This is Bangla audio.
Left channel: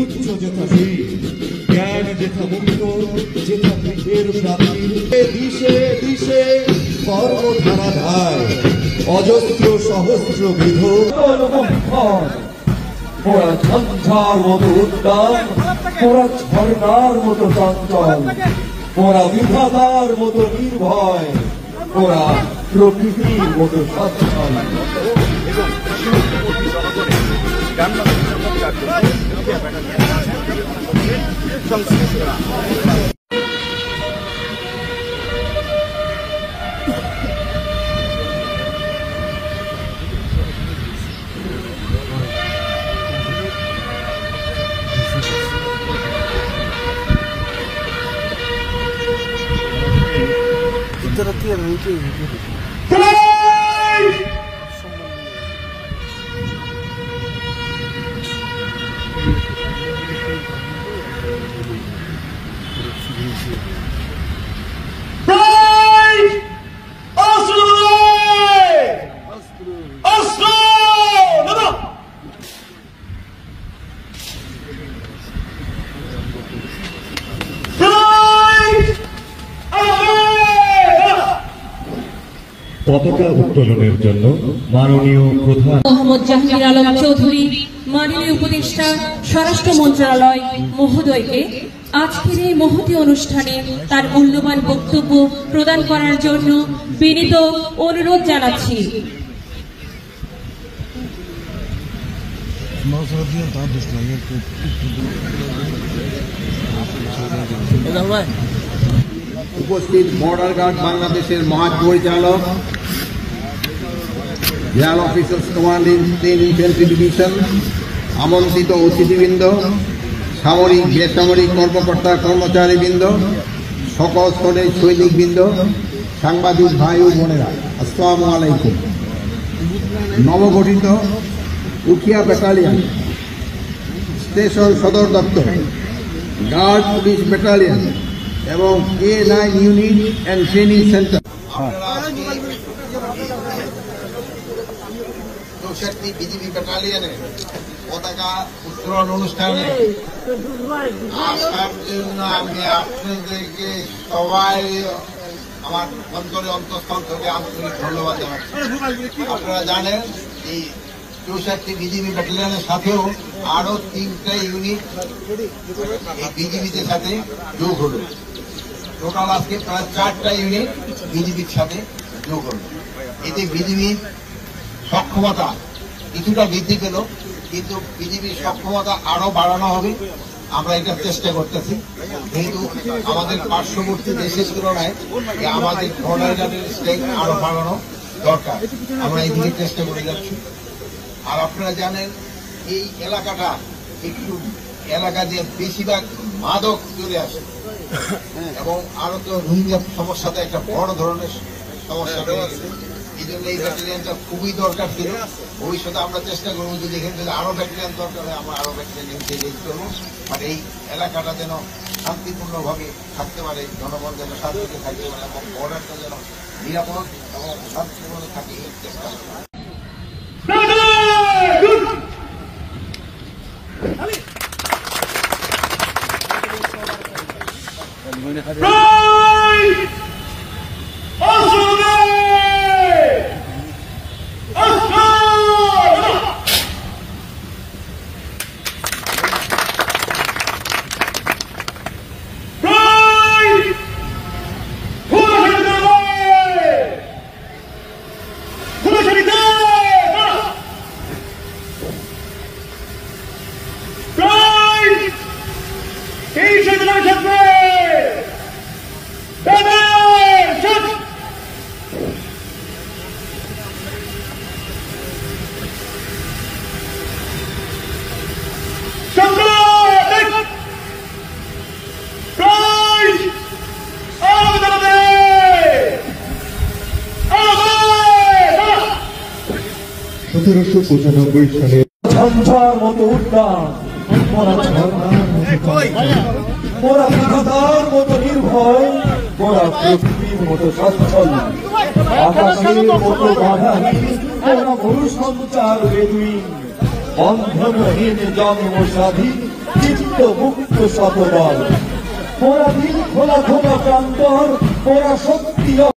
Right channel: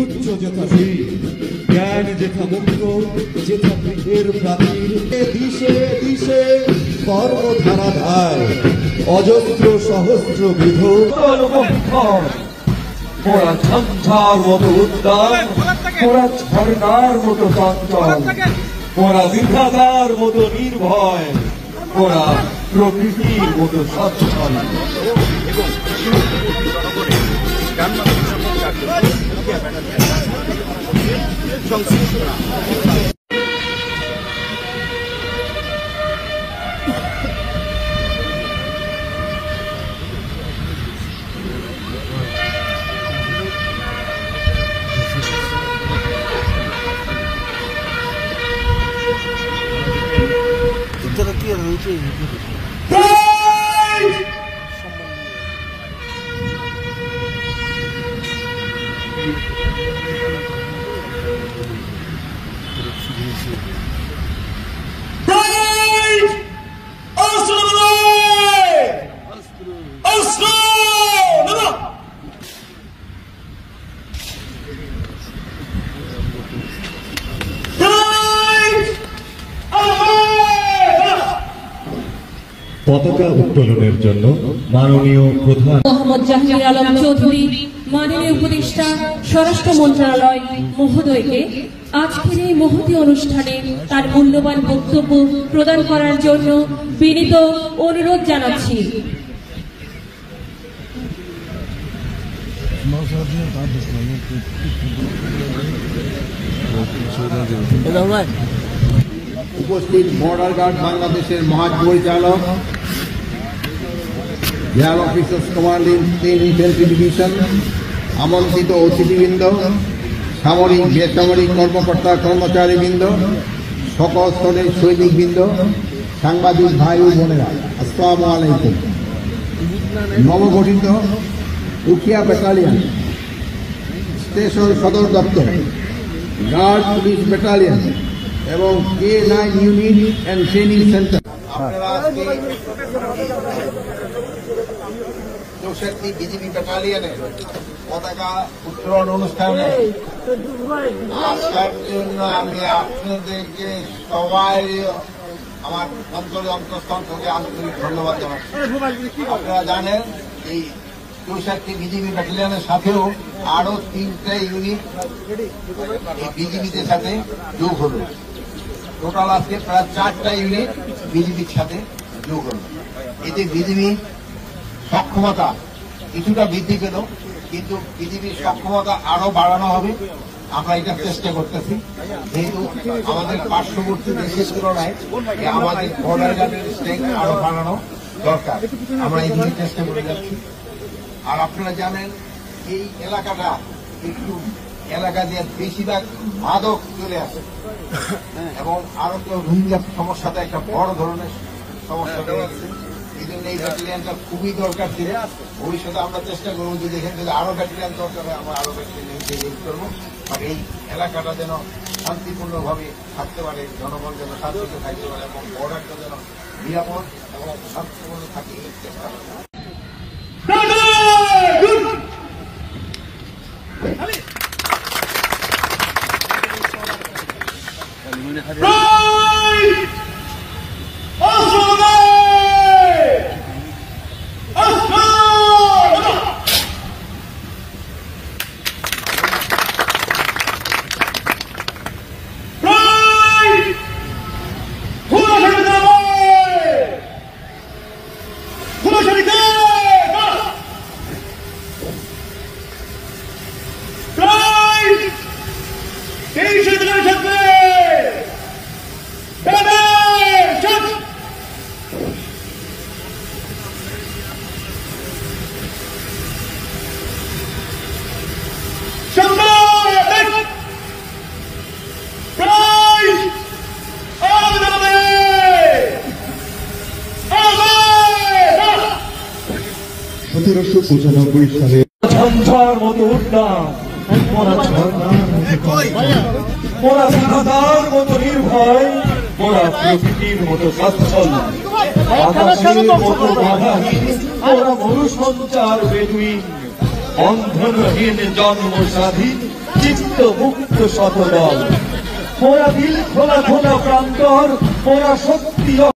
উচ্চ যথাশী জ্ঞান যেথা মুক্ত যেথা বৃদ্ধের প্রাচীর দিশে দিশে কর্মধারাধার অজস্র সহস্র বিধ ওরা ঝঞ্ঝার মতো উদ্দাম, ওরা ঝর্ণার মতো চঞ্চল, ওরা বিধাতার মতো নির্ভয়, ওরা প্রকৃতির মতো সচ্ছল। পতাকা উত্তোলনের জন্য মাননীয় প্রধান মোহাম্মদ জাহাঙ্গীর আলম চৌধুরী, মাননীয় উপদেষ্টা স্বরাষ্ট্র মন্ত্রণালয় মহোদয়কে আজকের এই মহতী অনুষ্ঠানে তার মূল্যবান বক্তব্য প্রদান করার জন্য বিনীত অনুরোধ জানাচ্ছি। উপস্থিত বর্ডার গার্ড বাংলাদেশের মহাপরিচালক, air officers commanding 10 infantry division, আমন্ত্রিত অতিথিবৃন্দ, সামরিক বেসামরিক কর্মকর্তা কর্মচারীবৃন্দ, সকল স্তরের সৈনিকবৃন্দ, সাংবাদিক ভাই ও বোনেরা, আসসালামু আলাইকুম। নবগঠিত উখিয়া ব্যাটালিয়ন স্টেশন সদর দপ্তর, গার্ড পুলিশ ব্যাটালিয়ন এবং K9 unit and training centre BGB ব্যাটালিয়নের পতাকা উত্তোলন অনুষ্ঠানে আসার জন্য আমি আপনাদেরকে সবাই আমার অন্তঃস্থল থেকে আন্তরিক ধন্যবাদ জানাচ্ছি। আপনারা জানেন এই 64 বিজিবি ব্যাটালিয়নের সাথেও আরো 3টা ইউনিট এই বিজিবিদের সাথে যোগ হল। টোটাল আজকে প্রায় 4টা ইউনিট বিজিবির সাথে যোগ হল। এতে বিজিবির সক্ষমতা কিছুটা বৃদ্ধি পেল, কিন্তু বিজিবির সক্ষমতা আরো বাড়ানো হবে। আমরা এটা চেষ্টা করতেছি, যেহেতু আমাদের পার্শ্ববর্তী দেশের তুলনায় আমাদের বর্ডার গার্ডের স্ট্রেংথ আরো বাড়ানো দরকার। আমরা এই দিকে চেষ্টা করে যাচ্ছি। আর আপনারা জানেন এই এলাকাটা একটু এলাকা দিয়ে বেশিরভাগ মাদক চলে আসে এবং আরো তো রোহিঙ্গা সমস্যাতে একটা বড় ধরনের সমস্যা হয়ে গেছে। এই জন্য এই ব্যাটালিয়নটা খুবই দরকার ছিল। ভবিষ্যতে আমরা চেষ্টা করবো যে যেখানে যদি আরো ব্যাটালিয়ন দরকার হয় আমরা আরো ব্যাটালিয়ন ইউজ করবো। আর এই এলাকাটা যেন শান্তিপূর্ণভাবে থাকতে পারে, জনগণ যেন শান্তিতে থাকতে পারে এবং বর্ডারটা যেন নিরাপদ এবং শান্তিপূর্ণ থাকে এই চেষ্টা করবো। ঝঞ্ঝার মতো উদ্দাম, ওরা ঝর্ণার মতো চঞ্চল, ওরা বিধাতার মতো নির্ভয়, ওরা প্রকৃতির মতো সচ্ছল, আকাশের মতো বাধাহীন, ওরা মরুসঞ্চার বেদুইন, বন্ধনহীন জন্ম স্বাধীন চিত্ত মুক্ত শতদল। মোরা দিল খোলা খোলা প্রান্তর, মোরা শক্তি